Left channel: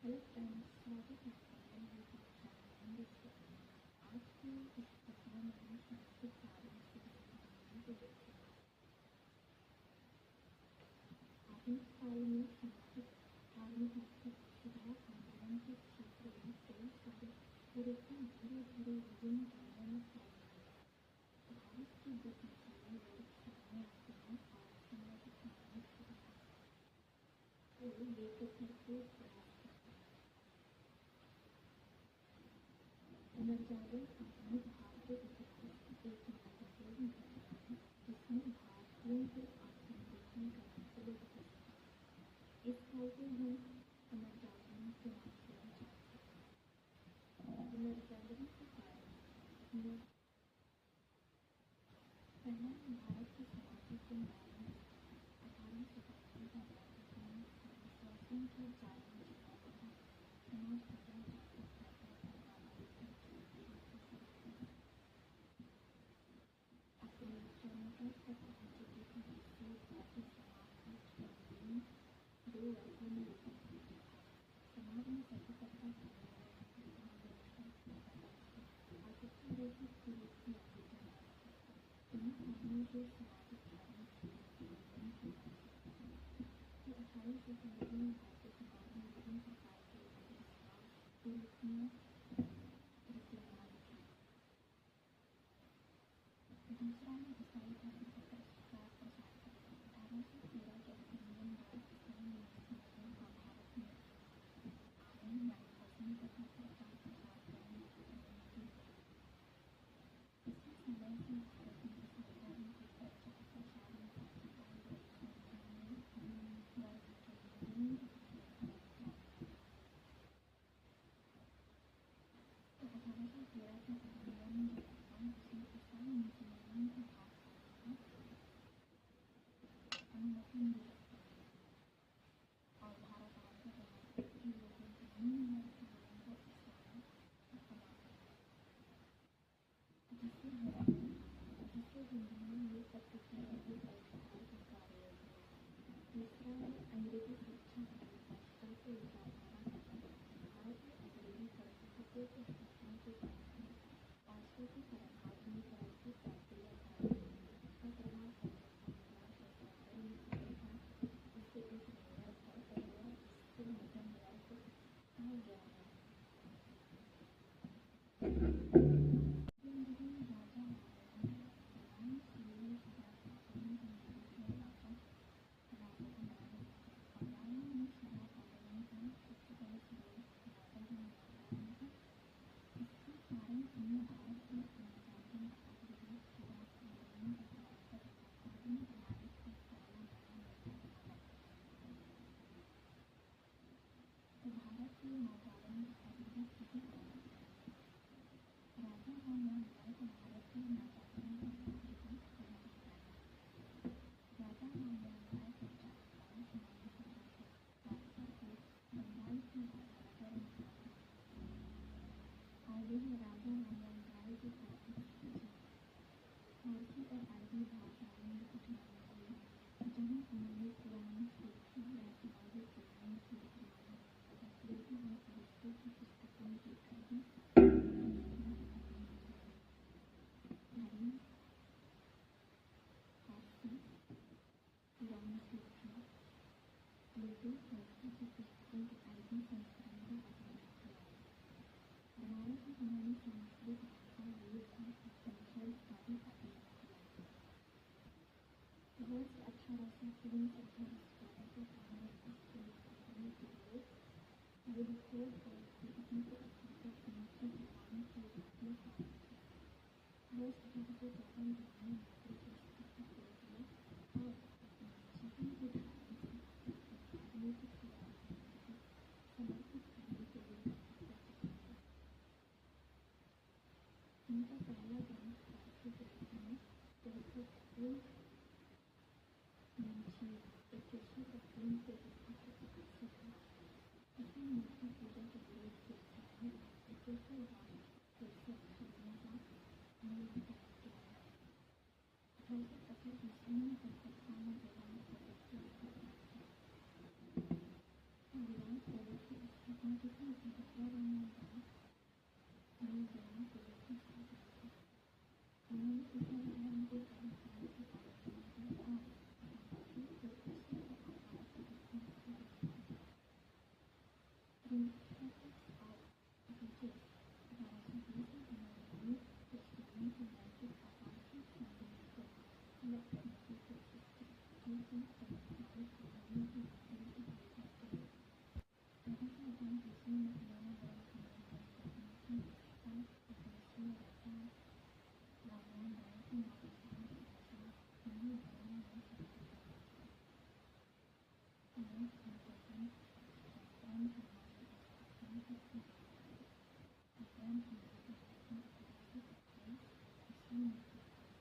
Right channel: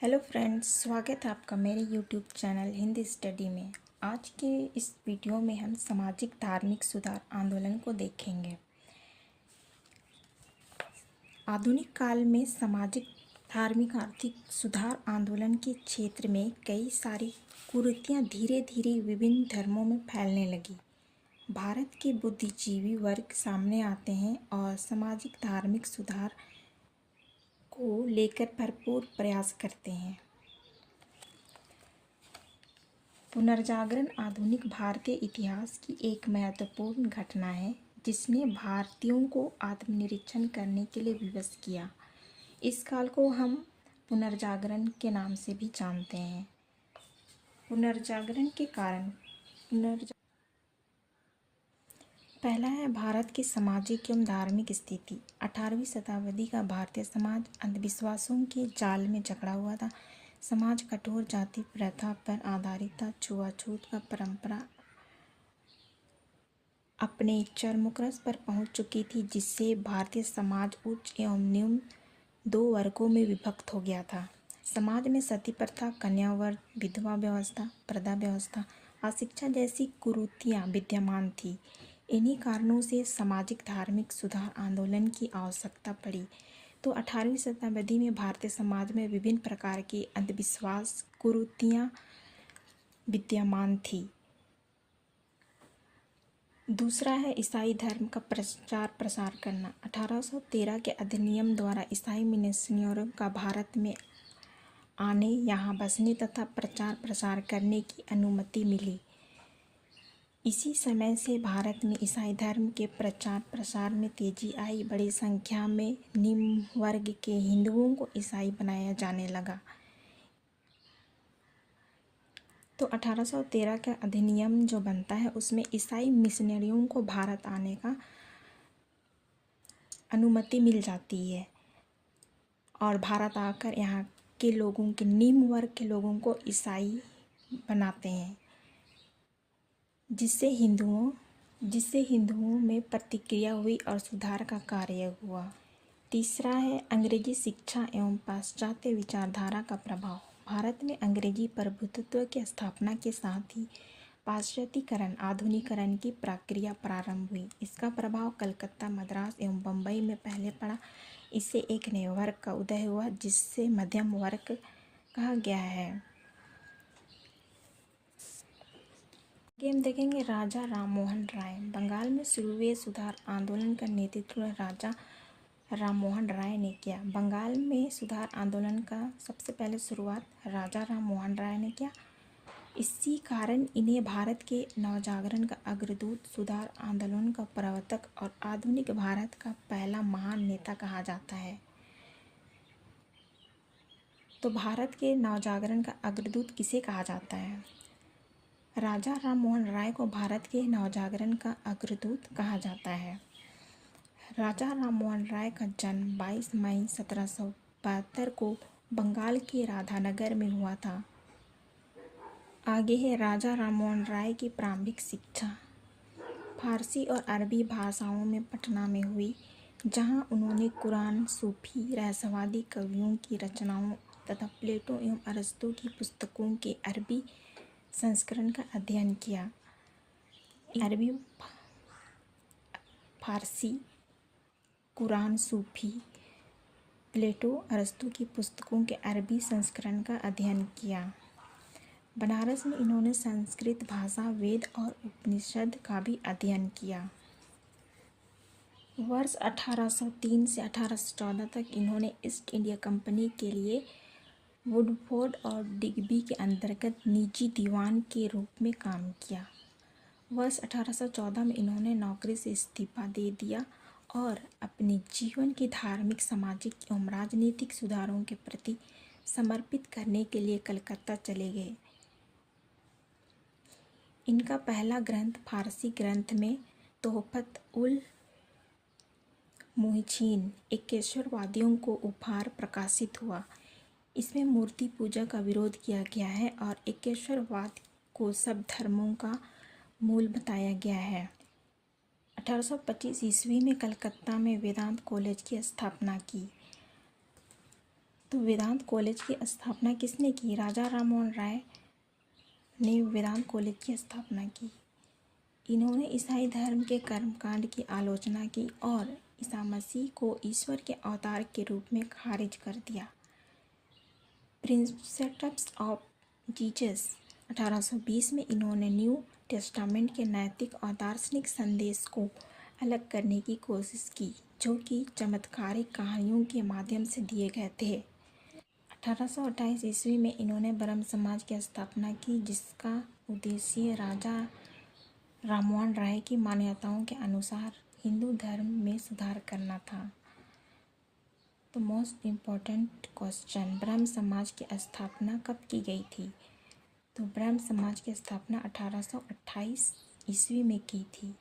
Hello friends, स्वागत है आपका मेरे यूट्यूब चैनल हिंदी स्टडी में। आज के इस वीडियो में हम सामाजिक धार्मिक सुधार आंदोलन को देखेंगे। आधुनिक काल में सामाजिक धार्मिक आर्थिक सुधार आंदोलन के क्षेत्र में कई सारी कुरीतियाँ धीरे धीरे विभिन्न धर्मों में फैलने लगी। भारत के बुद्धिजीवी वर्ग सामने आते हैं और सामाजिक धार्मिक सुधार को लेकर भरपूर प्रयास करते हैं। पुनर्जागरण आधुनिक भारतीय इतिहास की एक महत्वपूर्ण घटना है जिसने भारतीयों को आत्मनिरीक्षण करने के लिए विवश किया। इस काल को हम पुनर्जागरण के नाम से भी जानते हैं। पुनर्जागरण के कारण पहला है भारत की सामाजिक एवं धार्मिक स्थिति। 18वीं शताब्दी का भारतीय समाज अंधविश्वासों के जाल में जकड़ा हुआ था। समाज कठोर जाति प्रथा पर आधारित था। छुआछूत का परंपरा अपने चरमोत्कर्ष पर पहुंच चुकी थी, जिससे भारतीय समाज उच्च एवं निम्न दो वर्गों में विभक्त हो गया था। समाज में सती प्रथा, कन्यावर्ग, विधवा व्यवस्था, प्रथा व्यवस्था, अशिक्षा जैसी कुरीतियाँ विद्यमान थी। इन्हीं कारणों से सामाजिक धार्मिक सुधार आंदोलन की आवश्यकता पड़ी। तो 18वीं शताब्दी में भारतीय समाज में विभिन्न प्रकार की अंधविश्वास कुरीतियाँ विद्यमान थी। दूसरा है ईसाई धर्म का प्रचार प्रसार करना। 1813 के अधिनियम द्वारा ईसाई मिशनरियों का भारत में आने, यहाँ बसने तथा प्रचार प्रसार करने की अनुमति मिली। इसी समय से भारत में ईसाई धर्म के प्रचार प्रसार में तेजी आई। बड़ी संख्या में निम्न वर्ग के हिंदुओं को ईसाई बनाया जाने लगा। तो 1813 का अधिनियम जो बनता है उसमें ईसाई मिशनरियों को भारत आने का अनुमति मिल जाती है और भारत आकर यहाँ के लोगों के निम्न वर्ग के लोगों को ईसाई बनाते हैं, जिससे हिंदुओं में प्रतिक्रिया हुई और सुधार का कार्य हुआ। तीसरा है अंग्रेजी शिक्षा एवं पाश्चात्य विचारधारा का प्रभाव। भारत में अंग्रेजी प्रभुत्व की स्थापना के साथ ही पाश्चात्यकरण आधुनिकीकरण की प्रक्रिया प्रारंभ हुई। इसका प्रभाव कलकत्ता, मद्रास एवं बम्बई में पहले पड़ा। इससे एक नए वर्ग का उदय हुआ जिससे मध्यम वर्ग कहा गया है। आगे हम देखेंगे राजा राममोहन राय। बंगाल में शुरू हुए सुधार आंदोलन का नेतृत्व राजा राममोहन राय ने किया। बंगाल में सुधार आंदोलन का सबसे पहले शुरुआत राजा राममोहन राय ने किया। इसी कारण इन्हें भारत के नवजागरण का अग्रदूत, सुधार आंदोलन का प्रवर्तक और आधुनिक भारत का पहला महान नेता कहा जाता है। तो भारत के नवजागरण का अग्रदूत किसे कहा जाता है? राजा राममोहन राय को भारत के नवजागरण का अग्रदूत कहा जाता है। राजा राममोहन राय का जन्म 22 मई 1772 को बंगाल के राधानगर में हुआ था। आगे है राजा राममोहन राय की प्रारंभिक शिक्षा। फारसी और अरबी भाषाओं में पटना में हुई, जहां उन्होंने कुरान, सूफी, रहस्यवादी कवियों की रचनाओं तथा प्लेटो एवं अरस्तू की पुस्तकों के अरबी संस्करण का अध्ययन किया। अरबी, फारसी, कुरान, सूफी, प्लेटो, अरस्तू की पुस्तकों के अरबी संस्करण का अध्ययन किया। बनारस में इन्होंने संस्कृत भाषा, वेद और उपनिषद का भी अध्ययन किया। वर्ष 1803 से 1814 तक इन्होंने ईस्ट इंडिया कंपनी के लिए वुडफोर्ड और डिग्बी के अंतर्गत निजी दीवान के रूप में काम किया। वर्ष 1814 में इन्होंने नौकरी से इस्तीफा दे दिया और अपने जीवन की धार्मिक, सामाजिक एवं राजनीतिक सुधारों के प्रति समर्पित करने के लिए कलकत्ता चले गए। इनका पहला ग्रंथ फारसी ग्रंथ में तोहफत उल मुहिजीन एकेश्वरवादियों को उपहार प्रकाशित हुआ। इसमें मूर्ति पूजा का विरोध किया गया है और एकेश्वरवाद को सब धर्मों का मूल बताया गया है। 1825 ईस्वी में कलकत्ता में वेदांत कॉलेज की स्थापना की। तो वेदांत कॉलेज की स्थापना किसने की? राजा राममोहन राय ने वेदांत कॉलेज की स्थापना की। इन्होंने ईसाई धर्म के कर्मकांड की आलोचना की और ईसा मसीह को ईश्वर के अवतार के रूप में खारिज कर दिया। प्रिंसेप्ट्स ऑफ जीसस 1820 में इन्होंने न्यू टेस्टामेंट के नैतिक और दार्शनिक संदेश को अलग करने की कोशिश की, जो कि चमत्कारिक कहानियों के माध्यम से दिए गए थे। 1828 ईस्वी में इन्होंने ब्रह्म समाज की स्थापना की, जिसका उद्देश्य राजा राममोहन राय की मान्यताओं के अनुसार हिंदू धर्म में सुधार करना था। तो मोस्ट इम्पॉर्टेंट क्वेश्चन, ब्रह्म समाज की स्थापना कब की गई थी? तो ब्रह्म समाज की स्थापना 1828 ईस्वी में की थी।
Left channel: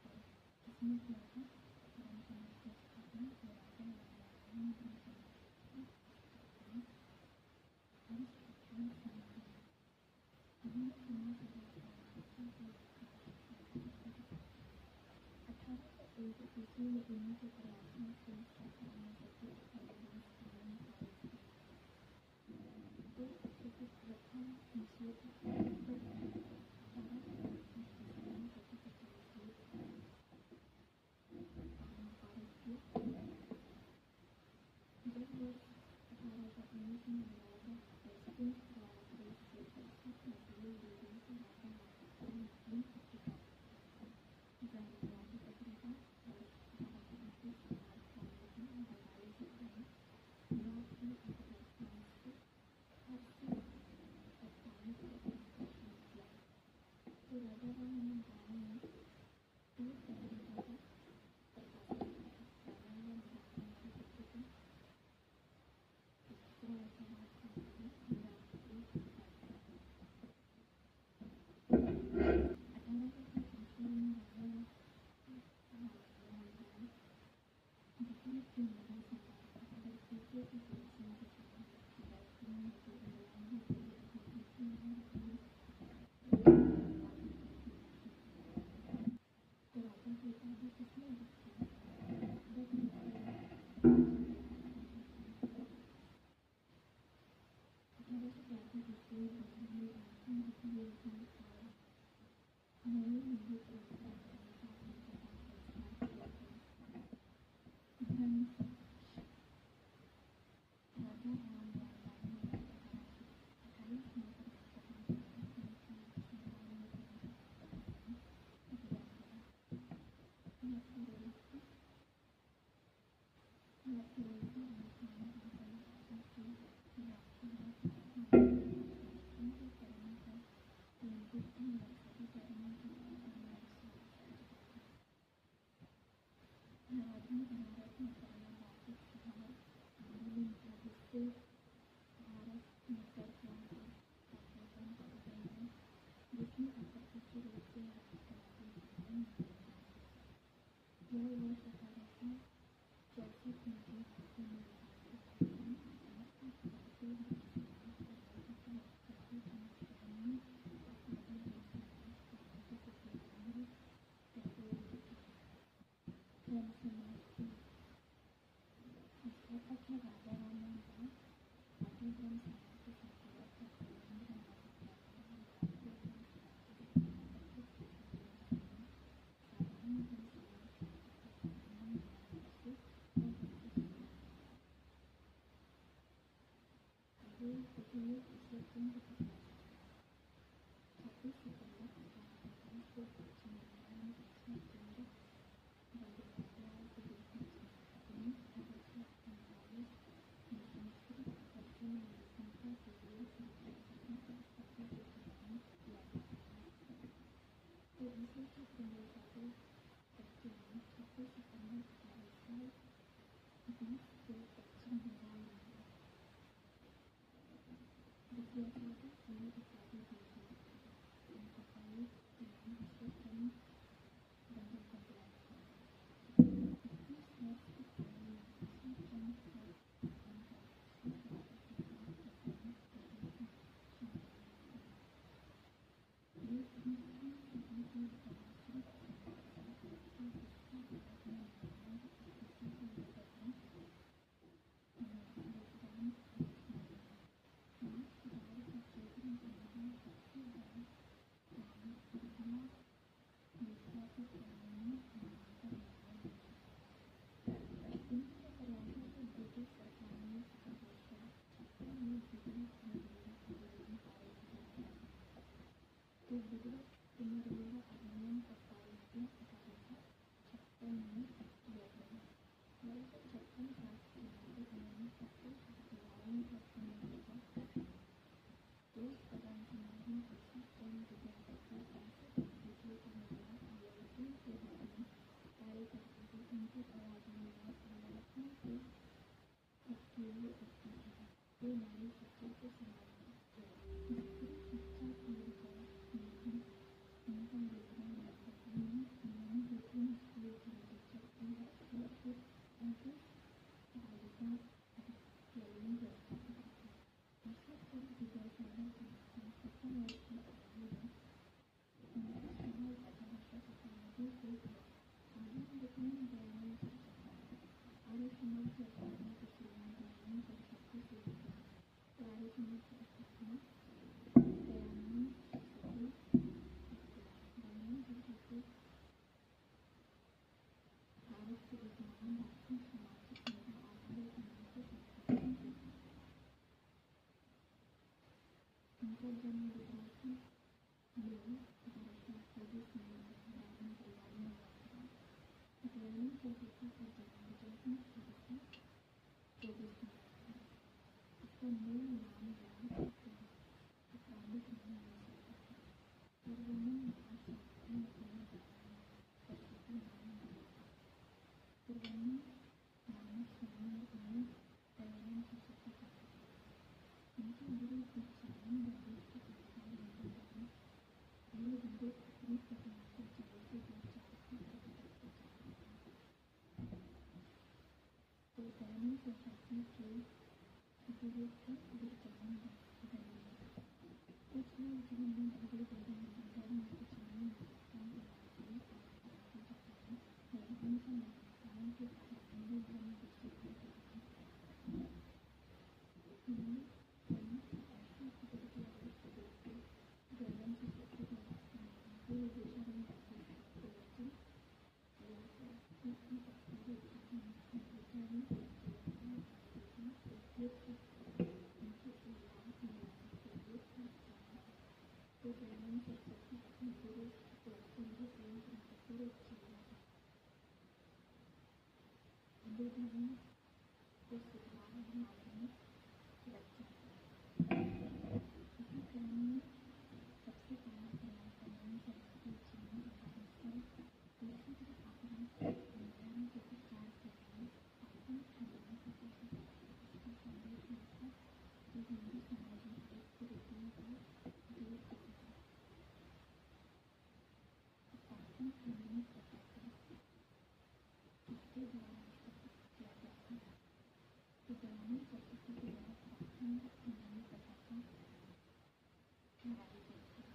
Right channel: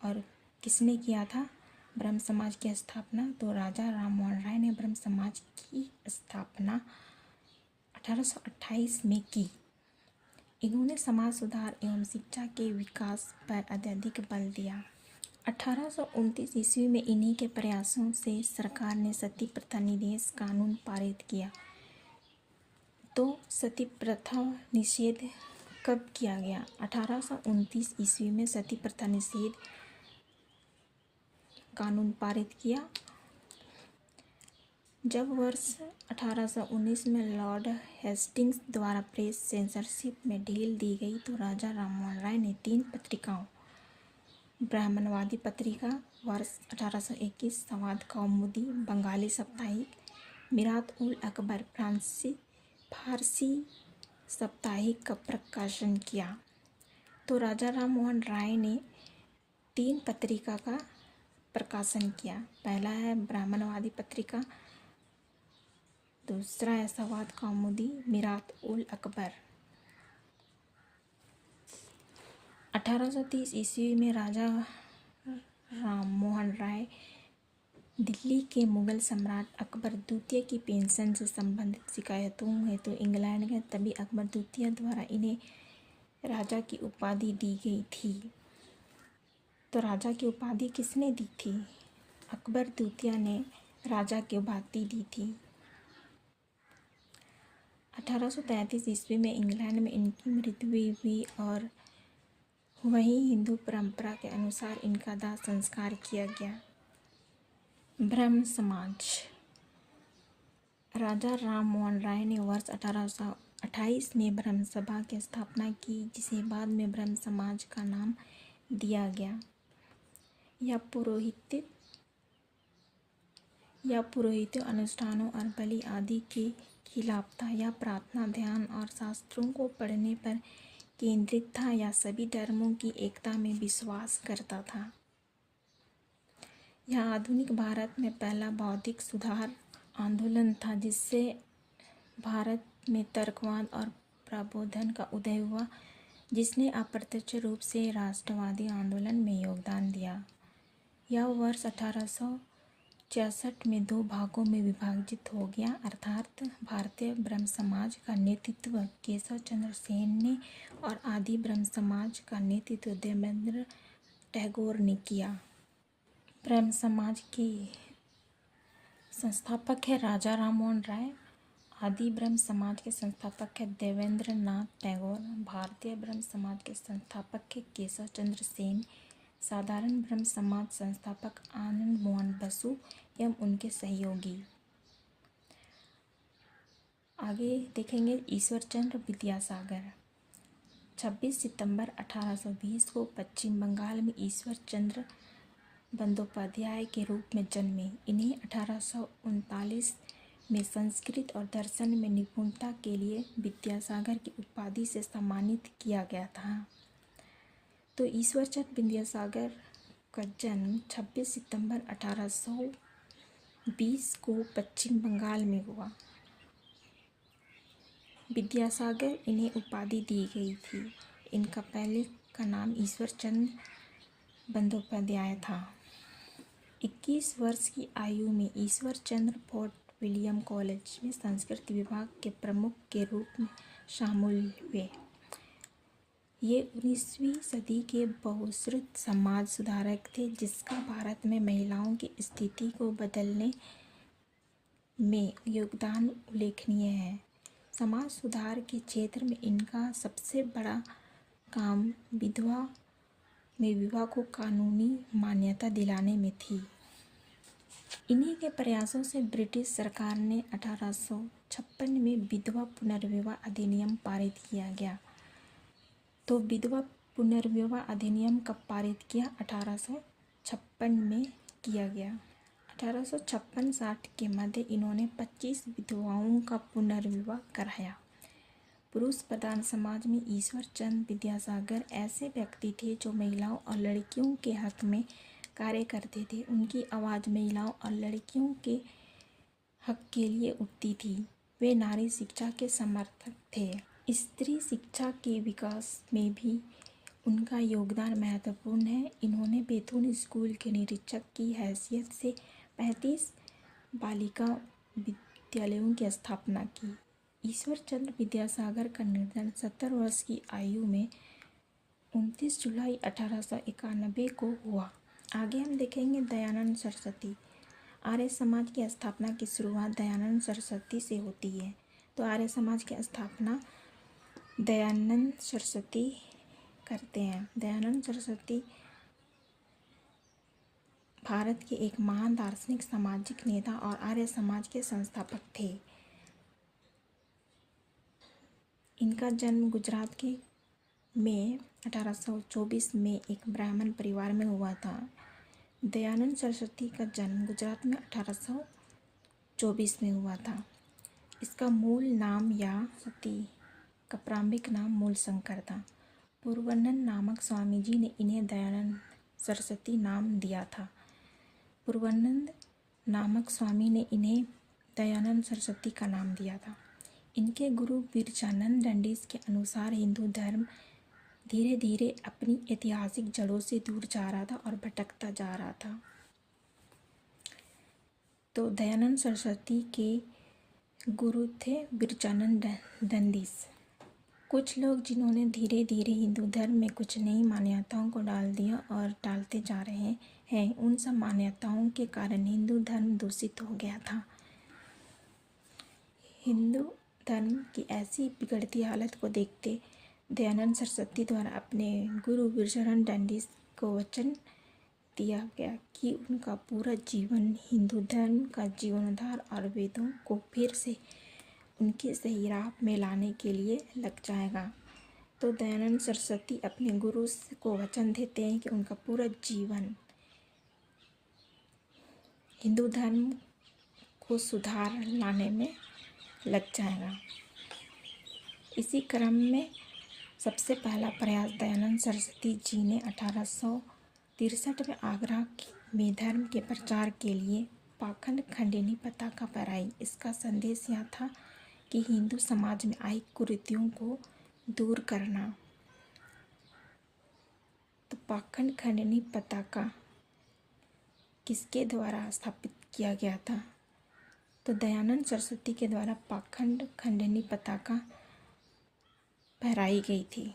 और किसने किया था ब्रह्म समाज की स्थापना? तो राजा राममोहन राय ने ब्रह्म समाज की स्थापना 1828 में की। इन्होंने समाज सुधार एवं शिक्षा के विकास पर अत्यधिक बल दिया। 1829 ईस्वी में इन्हीं के प्रयासों से सरकार ने सती प्रथा निषेध कानून पारित किया। तो सती प्रथा निषेध कब किया गया? 1829 ईस्वी में सती प्रथा निषेध कानून पारित किया। जब वर्ष 1819 में लॉर्ड हेस्टिंग्स द्वारा प्रेस सेंसरशिप में ढील दी गई, तो राजा राममोहन राय ने 3 पत्रिकाओं, ब्राह्मणवादी पत्रिका वर्ष 1821, संवाद कौमुदी बंगाली साप्ताहिक, मिरात उल अकबर फारसी साप्ताहिक का प्रकाशन किया। तो राजा राममोहन राय ने 3 पत्रिका का प्रकाशन किया। पहला है ब्राह्मणवादी पत्रिका, दूसरा है संवाद कौमुदी, मिरात उल अकबर। 1830 ईस्वी में राजा राममोहन राय दिल्ली के मुगल सम्राट अकबर द्वितीय की पेंशन से संबंधित शिकायतों हेतु इंग्लैंड गए। तभी अकबर द्वितीय द्वारा इन्हें राजा की उपाधि दी गई थी। तो राजा की उपाधि किसने दी थी? अकबर द्वितीय ने राजा की उपाधि दी थी। 1833 ईस्वी में इंग्लैंड में इनकी मृत्यु हुई और वहीं हिंदू परंपरा के अनुसार इनका दाह संस्कार किया गया। ब्रह्म समाज। राजा राममोहन राय ने वर्ष 1828 में ब्रह्म सभा की स्थापना की, जिसे बाद में ब्रह्म समाज का नाम दिया गया। यह पुरोहितों अनुष्ठानों और बलि आदि के खिलाफ था। यह प्रार्थना, ध्यान और शास्त्रों को पढ़ने पर केंद्रित था। यह सभी धर्मों की एकता में विश्वास करता था। यह आधुनिक भारत में पहला बौद्धिक सुधार आंदोलन था, जिससे भारत में तर्कवाद और प्रबोधन का उदय हुआ, जिसने अप्रत्यक्ष रूप से राष्ट्रवादी आंदोलन में योगदान दिया। यह वर्ष 1866 में 2 भागों में विभाजित हो गया, अर्थात भारतीय ब्रह्म समाज का नेतृत्व केशव चंद्र सेन ने और आदि ब्रह्म समाज का नेतृत्व देवेंद्र टैगोर ने किया। ब्रह्म समाज के संस्थापक है राजा राममोहन राय। आदि ब्रह्म समाज के संस्थापक है देवेंद्र नाथ टैगोर। भारतीय ब्रह्म समाज के संस्थापक है केशव चंद्र सेन। साधारण ब्रह्म समाज संस्थापक आनंद मोहन बसु एवं उनके सहयोगी। आगे देखेंगे ईश्वरचंद्र विद्यासागर। 26 सितंबर 1820 को पश्चिम बंगाल में ईश्वरचंद्र बंदोपाध्याय के रूप में जन्मे। इन्हें 1839 में संस्कृत और दर्शन में निपुणता के लिए विद्यासागर की उपाधि से सम्मानित किया गया था। तो ईश्वरचंद्र विद्यासागर का जन्म 26 सितंबर 1820 को पश्चिम बंगाल में हुआ। विद्यासागर इन्हें उपाधि दी गई थी। इनका पहले का नाम ईश्वरचंद्र बंदोपाध्याय था। 21 वर्ष की आयु में ईश्वरचंद्र फोर्ट विलियम कॉलेज में संस्कृत विभाग के प्रमुख के रूप में शामिल हुए। ये 19वीं सदी के बहुश्रुत समाज सुधारक थे, जिसका भारत में महिलाओं की स्थिति को बदलने में योगदान उल्लेखनीय है। समाज सुधार के क्षेत्र में इनका सबसे बड़ा काम विवाह को कानूनी मान्यता दिलाने में थी। इन्हीं के प्रयासों से ब्रिटिश सरकार ने 1856 में विधवा पुनर्विवाह अधिनियम पारित किया गया। तो विधवा पुनर्विवाह अधिनियम कब पारित किया? 1856 में किया गया। 1856-60 के मध्य इन्होंने 25 विधवाओं का पुनर्विवाह कराया। पुरुष प्रधान समाज में ईश्वर चंद्र विद्यासागर ऐसे व्यक्ति थे जो महिलाओं और लड़कियों के हक में कार्य करते थे। उनकी आवाज़ महिलाओं और लड़कियों के हक के लिए उठती थी। वे नारी शिक्षा के समर्थक थे। स्त्री शिक्षा के विकास में भी उनका योगदान महत्वपूर्ण है। इन्होंने बैतूल स्कूल के निरीक्षक की हैसियत से 35 बालिका विद्यालयों की स्थापना की। ईश्वर चंद्र विद्यासागर का निधन 70 वर्ष की आयु में 29 जुलाई 1891 को हुआ। आगे हम देखेंगे दयानंद सरस्वती। आर्य समाज की स्थापना की शुरुआत दयानंद सरस्वती से होती है। तो आर्य समाज की स्थापना दयानंद सरस्वती करते हैं। दयानंद सरस्वती भारत के एक महान दार्शनिक, सामाजिक नेता और आर्य समाज के संस्थापक थे। इनका जन्म गुजरात के में 1824 में एक ब्राह्मण परिवार में हुआ था। दयानंद सरस्वती का जन्म गुजरात में 1824 में हुआ था। इसका मूल नाम या सती का प्रारंभिक नाम मूलशंकर था। पूर्वानंद नामक स्वामी जी ने इन्हें दयानंद सरस्वती नाम दिया था। पूर्वानंद नामक स्वामी ने इन्हें दयानंद सरस्वती का नाम दिया था। इनके गुरु बिरजानंद दंडीस के अनुसार हिंदू धर्म धीरे धीरे अपनी ऐतिहासिक जड़ों से दूर जा रहा था और भटकता जा रहा था। तो दयानंद सरस्वती के गुरु थे बिरजानंद दंडीस। कुछ लोग जिन्होंने धीरे धीरे हिंदू धर्म में कुछ नई मान्यताओं को डाल दिया और डालते जा रहे हैं, उन सब मान्यताओं के कारण हिंदू धर्म दूषित हो गया था। हिंदू धर्म की ऐसी बिगड़ती हालत को देखते दयानंद सरस्वती द्वारा अपने गुरु बिरजानंद दंडीस को वचन दिया गया कि उनका पूरा जीवन हिंदू धर्म का जीवनोद्धार और वेदों को फिर से उनकी सही राह में लाने के लिए लग जाएगा। तो दयानंद सरस्वती अपने गुरु को वचन देते हैं कि उनका पूरा जीवन हिंदू धर्म को सुधार लाने में लग जाएगा। इसी क्रम में सबसे पहला प्रयास दयानंद सरस्वती जी ने 1863 में आगरा में धर्म के प्रचार के लिए पाखंड खंडनी पताका फहराई। इसका संदेश यह था कि हिंदू समाज में आई कुरीतियों को दूर करना। तो पाखंड खंडनी पताका किसके द्वारा स्थापित किया गया था? तो दयानंद सरस्वती के द्वारा पाखंड खंडनी पताका फहराई गई थी।